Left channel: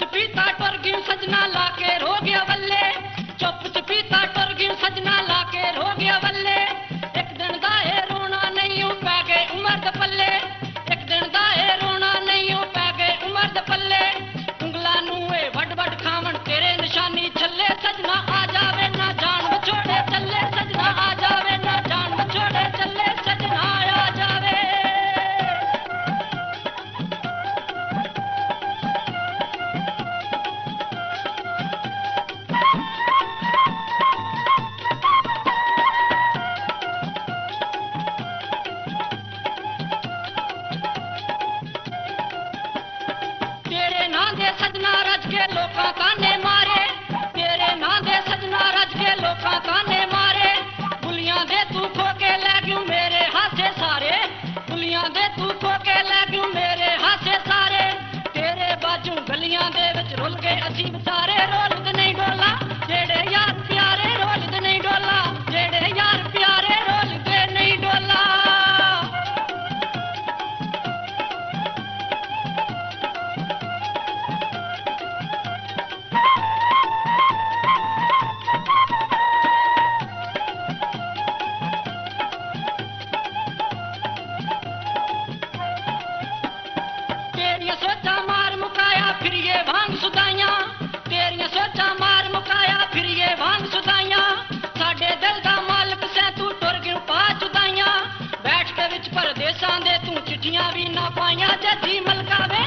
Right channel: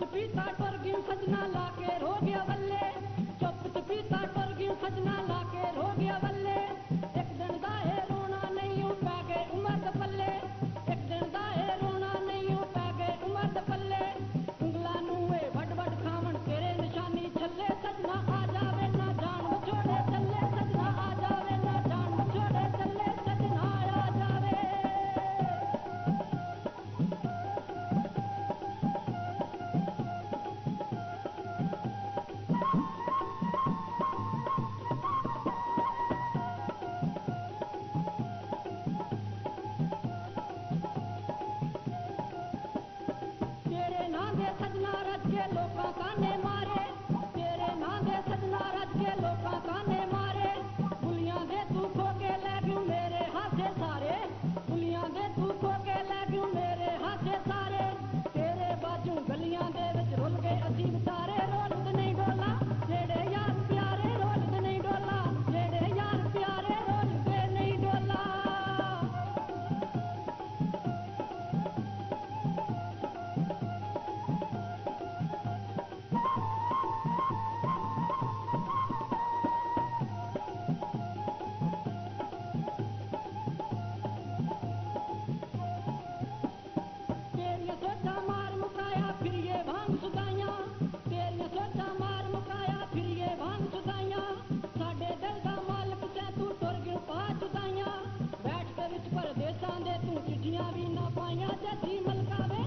चपीता टुर गई सजना लाके रो गया बल्ले, चुप चपीता टुर गई सजना लाके रो गया बल्ले। एक दिन दा ए रोना नहीं पै गए उमर दे पल्ले, एक दिन दा ए रोना नहीं पै गए उमर दे पल्ले। उंगला नूं ए वड वड खावन तेरे निशानी छल्ले, सजना आ जावे ना जान बछोड़े चले, सजना आ जावे ना जान बछोड़े चले, सजना आ जावे। तेरे नां दे सजना रज के लोकां ताने मारे, तेरे नां दे सजना रज के लोकां ताने मारे। बुलियां दे तू खो के लै गयूं मेरे हाथे सारे, बुलियां दे तू खो के लै गयूं मेरे हाथे सारे। तेरे बाजू गलियां दे विच रुल गए असीं बेचारे, रोलद नहीं डोला जेड़े यार प्यारे, रोलद नहीं डोला जेड़े यार प्यारे, रोलद नहीं डोला। तेरियां सोचा मार मुकाया फिर ये भांग सुदाइयां, तेरियां सोचा मार मुकाया फिर ये भांग सुदाइयां। साडे दिल दा मालक सै तू टुर गयूं पा जुदाइयां, बैठ के विच परदेसां दे तू चिट्ठियां भी ना पाइयां। जैसी मलकावे